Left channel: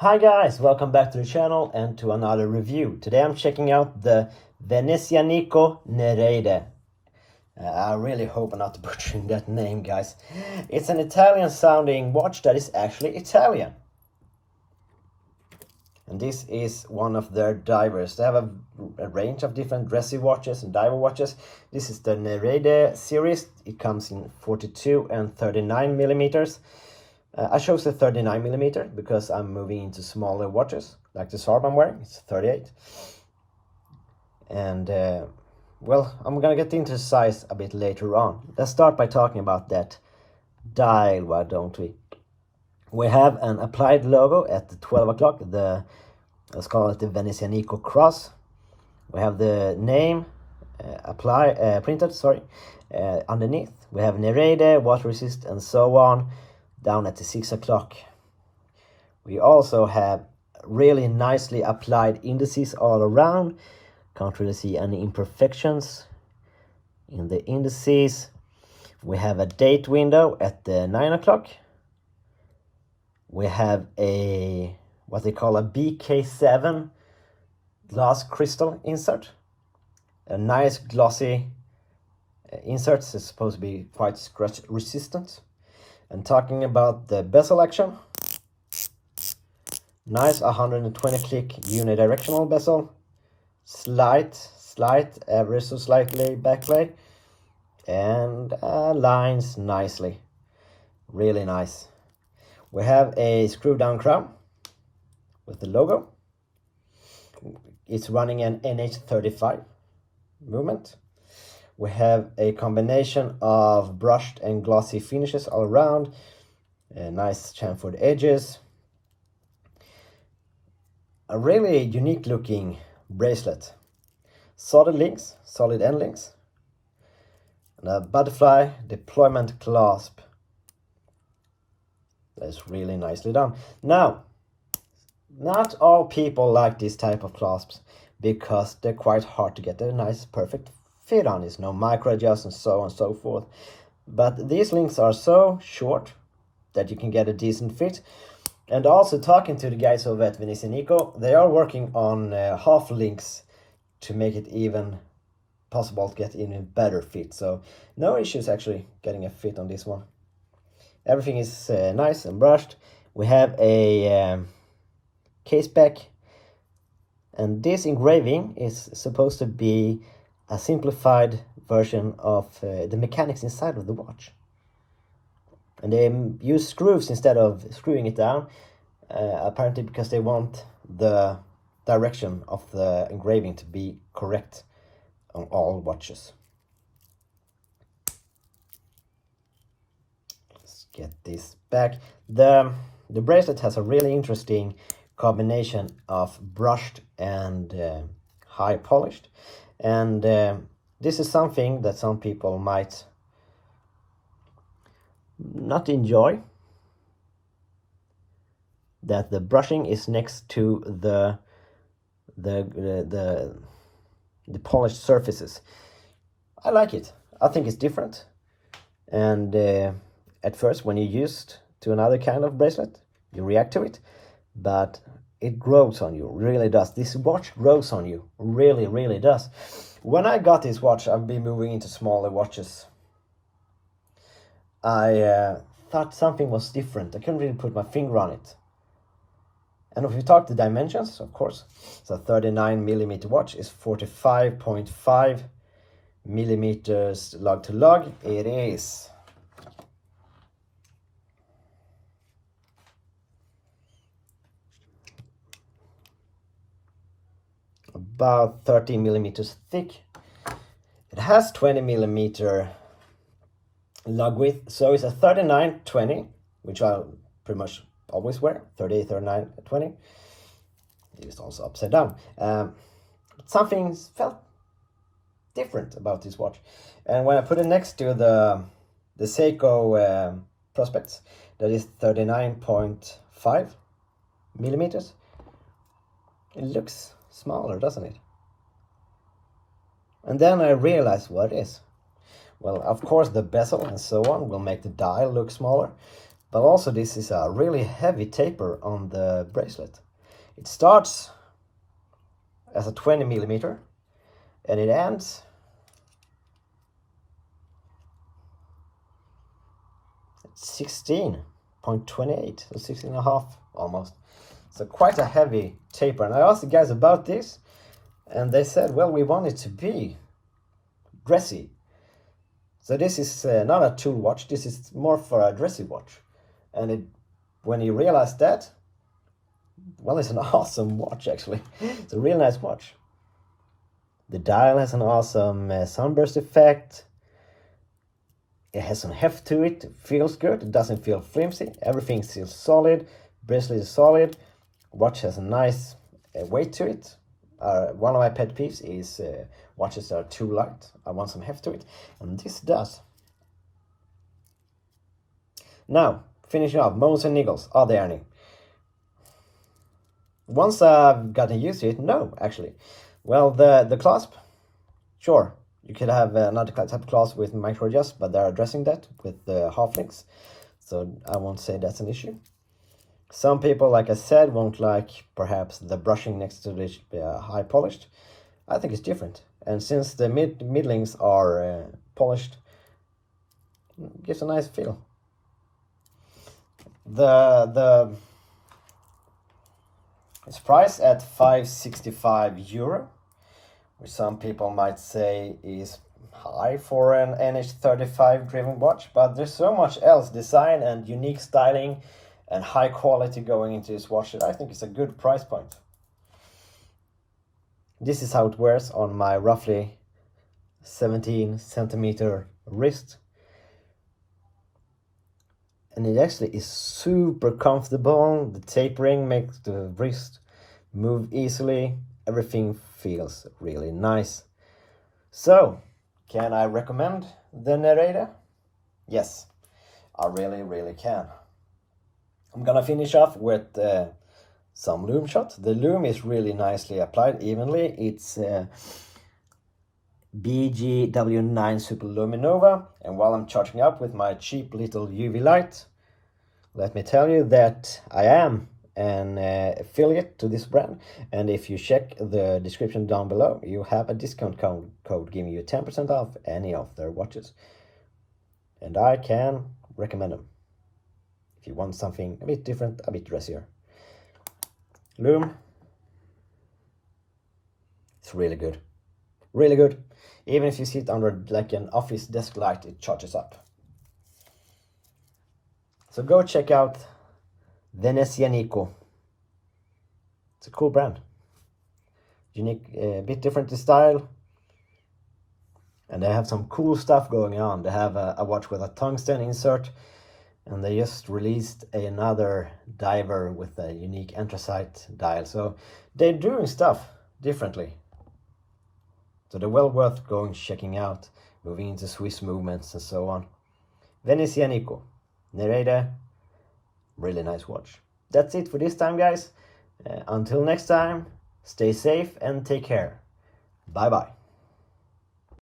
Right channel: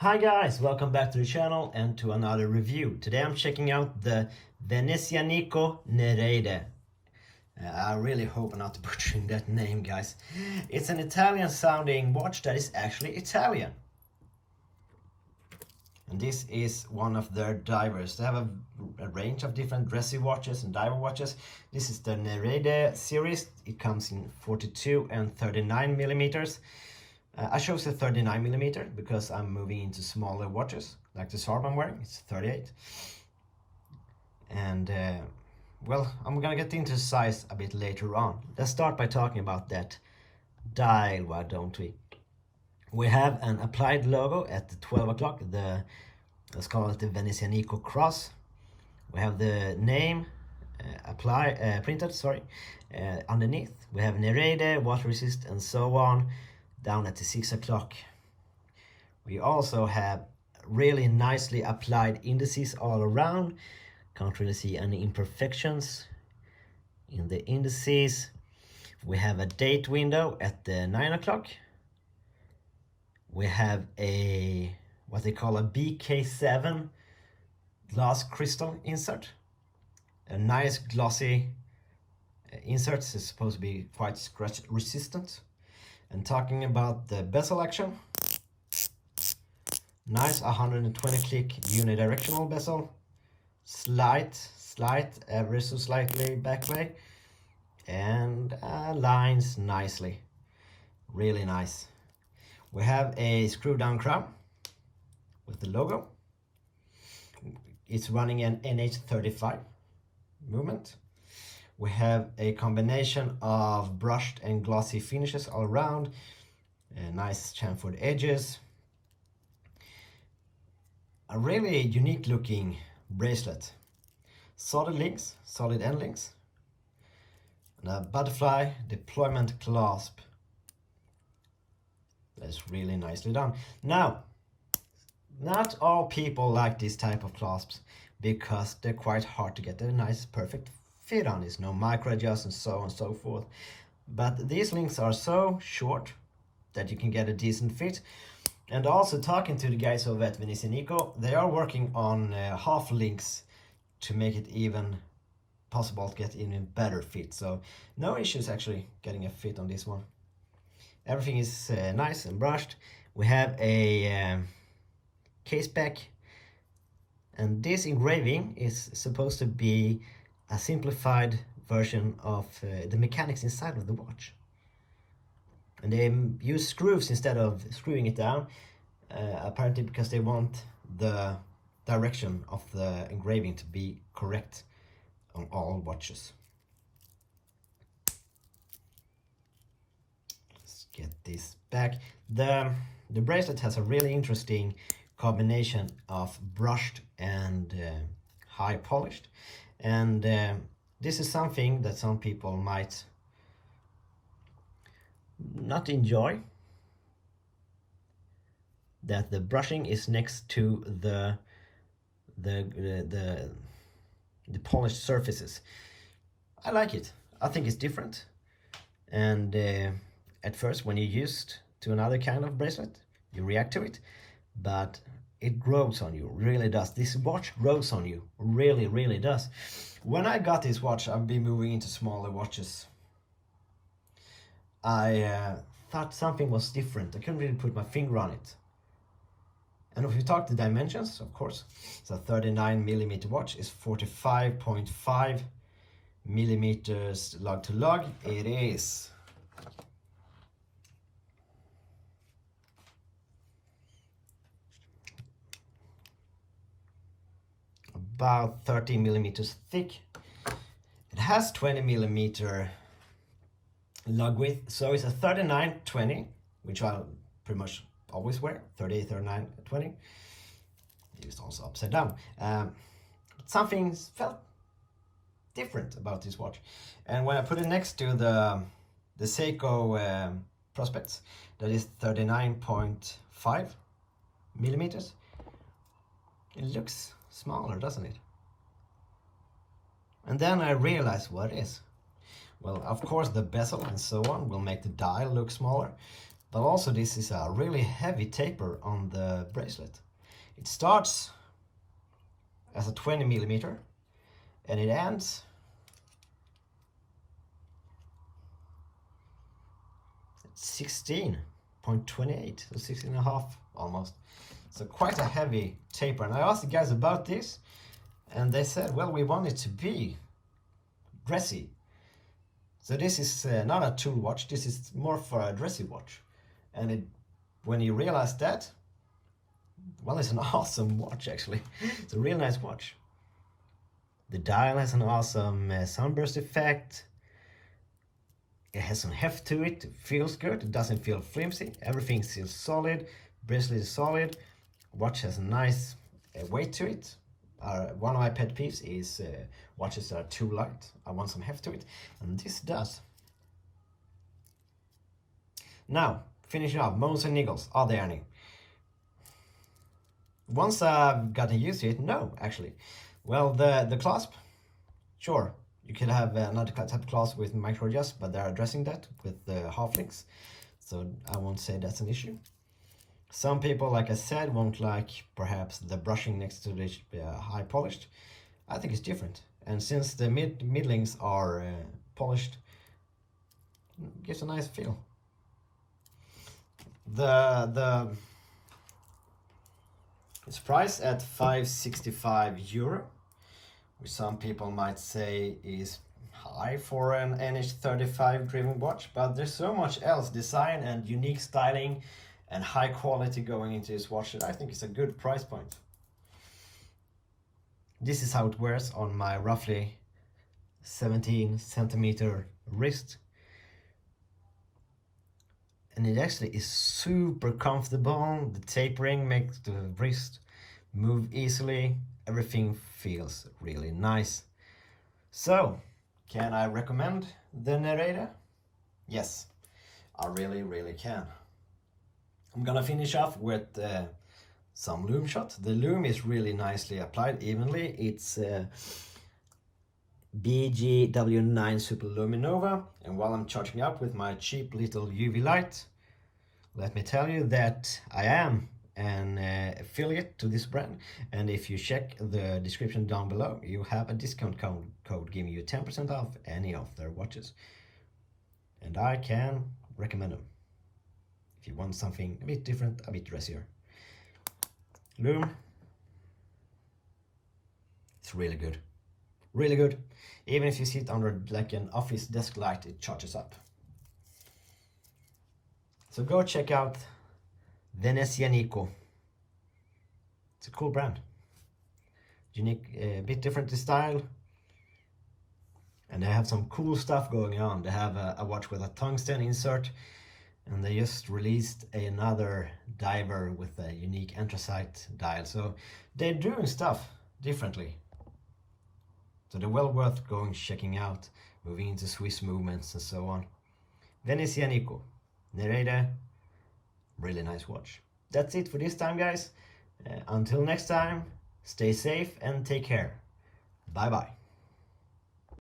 Hi guys, welcome back to the channel and to another review. Today I'm checking out the Venezianico Nereide. I really hope I'm not butchering that name, guys. It's an Italian sounding watch that is actually Italian. And this is one of their divers. They have a range of different dressy watches and diver watches. This is the Nereide series. It comes in 42 and 39 millimeters. I chose the 39 millimeter because I'm moving into smaller watches, like the Sarb I'm wearing. It's 38. And, well, I'm gonna get into size a bit later on. Let's start by talking about that dial, why don't we? We have an applied logo at the 12 o'clock, let's call it the Venezianico cross. We have the name printed, underneath. We have Nereide, water resist, and so on. Down at the 6 o'clock. We also have really nicely applied indices all around. Can't really see any imperfections in the indices. We have a date window at the 9 o'clock. We have a what they call a BK7 glass crystal insert. A nice glossy insert. It's supposed to be quite scratch resistant. And talking about the bezel action, nice 120 click unidirectional bezel, slight, ever so slightly backlay, and lines nicely, really nice. We have a screw down crown with the logo. It's running an NH35 movement. We have a combination of brushed and glossy finishes all around. Nice chamfered edges. A really unique looking bracelet. Solid links, solid end links. And a butterfly deployment clasp. That's really nicely done. Now, not all people like this type of clasps because they're quite hard to get a nice perfect fit on. Is no micro adjust and so on and so forth, but these links are so short that you can get a decent fit. And also talking to the guys over at Venezianico, they are working on half links to make it even possible to get even better fit, so no issues actually getting a fit on this one. Everything is nice and brushed. We have a caseback, and this engraving is supposed to be a simplified version of the mechanics inside of the watch. And they use screws instead of screwing it down, apparently because they want the direction of the engraving to be correct on all watches. Let's get this back. The bracelet has a really interesting combination of brushed and high polished. And this is something that some people might not enjoy, that the brushing is next to the polished surfaces. I like it. I think it's different. And at first, when you're used to another kind of bracelet, you react to it, but it grows on you, really does. This watch grows on you, really does. When I got this watch, I've been moving into smaller watches. I thought something was different. I couldn't really put my finger on it. And if you talk the dimensions, of course, so 39 millimeter watch is 45.5 millimeters lug to lug. It is about 13 millimeters thick. It has 20 millimeter lug width, so it's a 39-20, which I'll pretty much always wear, 38, 39, 20. It's also upside down. Something felt different about this watch. And when I put it next to the Seiko Prospects, that is 39.5 millimeters, it looks smaller, doesn't it? And then I realized what it is. Well, of course, the bezel and so on will make the dial look smaller, But also this is a really heavy taper on the bracelet. It starts as a 20 millimeter and it ends at 16.28, so 16.5 almost. So quite a heavy taper. And I asked the guys about this and they said, well, we want it to be dressy. So this is not a tool watch, this is more for a dressy watch. And when you realize that, well, it's an awesome watch actually. It's a real nice watch. The dial has an awesome sunburst effect. It has some heft to it, it feels good, it doesn't feel flimsy, everything feels solid, bracelet is solid, watch has a nice weight to it. One of my pet peeves is watches that are too light. I want some heft to it, and this does. Now, finishing up, moans and niggles, are there any? Once I've gotten used to it, no, actually. Well, the clasp, sure, you could have another type of clasp with micro adjust, but they're addressing that with the half links, so I won't say that's an issue. Some people, like I said, won't like perhaps the brushing next to the high polished. I think it's different, and since the middlings are polished, it gives a nice feel. It's priced at €565, which some people might say is high for an NH35 driven watch, but there's so much else, design and unique styling and high quality going into this watch that I think it's a good price point. This is how it wears on my roughly 17 centimeter wrist. And it actually is super comfortable. The tapering makes the wrist move easily. Everything feels really nice. So, can I recommend the Nereide? Yes, I really can. I'm gonna finish off with some lume shot. The lume is really nicely applied evenly. It's BGW9 Super Luminova, and while I'm charging up with my cheap little UV light, let me tell you that I am an affiliate to this brand, and if you check the description down below, you have a discount code giving you 10% off any of their watches, and I can recommend them if you want something a bit different, a bit dressier. Lume, it's really good. Really good. Even if you sit under like an office desk light, it charges up. So go check out Venezianico. It's a cool brand. Unique, a bit different in style. And they have some cool stuff going on. They have a watch with a tungsten insert. And they just released another diver with a unique anthracite dial. So they're doing stuff differently. So they're well worth going checking out, moving into Swiss movements and so on. Venezianico Nereide, really nice watch. That's it for this time, guys. Until next time, stay safe and take care. Bye bye.